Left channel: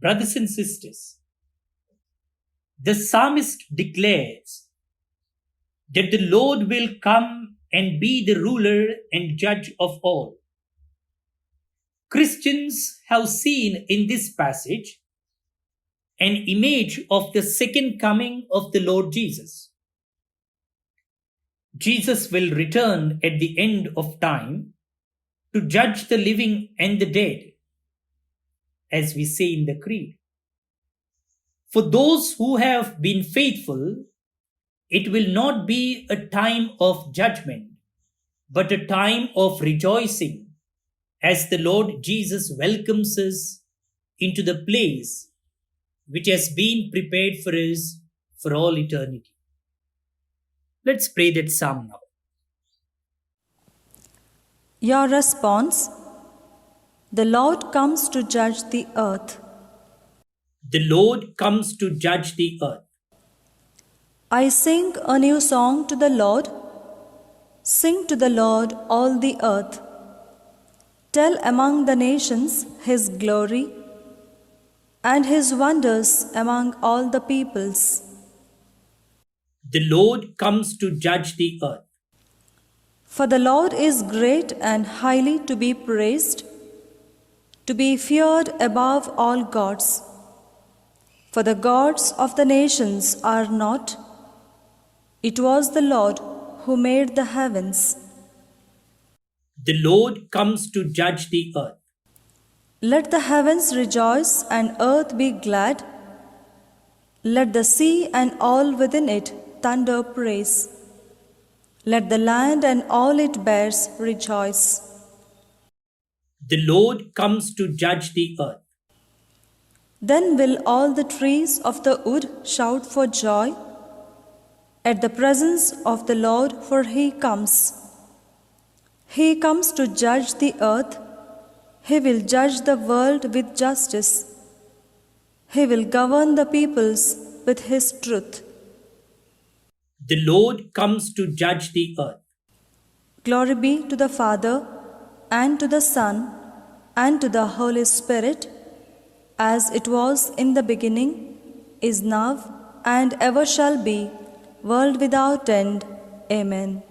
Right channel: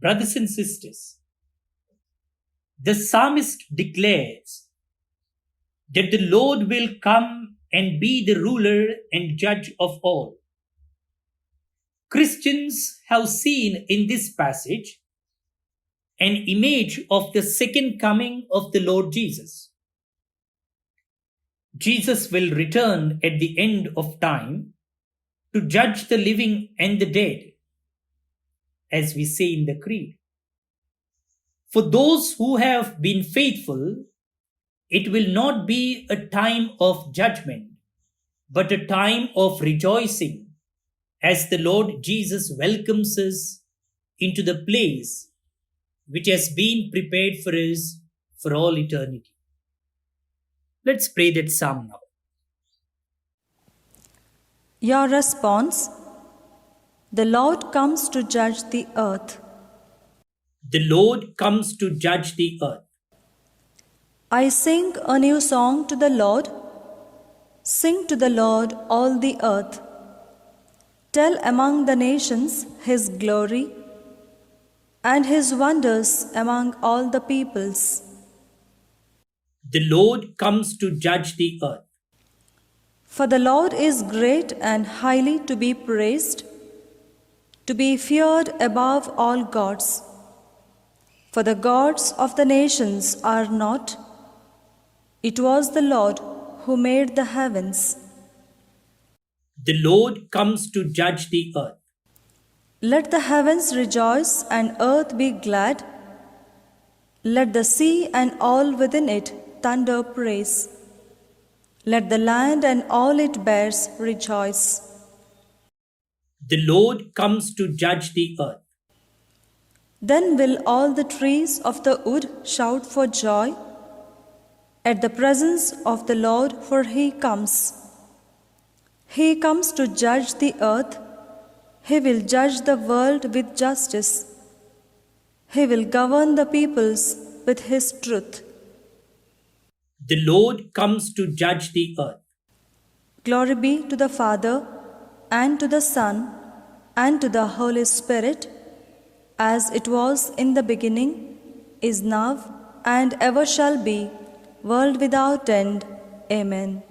Brothers and sisters, the psalmist declares that the Lord will come and be the ruler and judge of all. Christians have seen in this passage an image of the second coming of the Lord Jesus. Jesus will return at the end of time to judge the living and the dead, as we say in the Creed. For those who have been faithful, it will not be a time of judgment, but a time of rejoicing as the Lord Jesus welcomes us into the place which has been prepared for us for all eternity. Let's pray that psalm now. Your response: the Lord comes to judge the earth. The Lord comes to judge the earth. I sing a new song to the Lord. Sing to the Lord, all the earth. Tell among the nations his glory and his wonders among all the peoples. The Lord comes to judge the earth. For the Lord is great and highly to be praised, to be feared above all gods. For the gods of the nations are not. It was the Lord who made the heavens. The Lord comes to judge the earth. Let the heavens rejoice and earth be glad. Let the sea and all within it thunder praise. Let the land and all it bears rejoice. The Lord comes to judge the earth. Then will all the trees of the wood shout for joy at the presence of the Lord, for he comes. He comes to judge the earth. He will judge the world with justice. He will govern the peoples with his truth. The Lord comes to judge the earth. Glory be to the Father, and to the Son, and to the Holy Spirit, as it was in the beginning, is now, and ever shall be, world without end. Amen.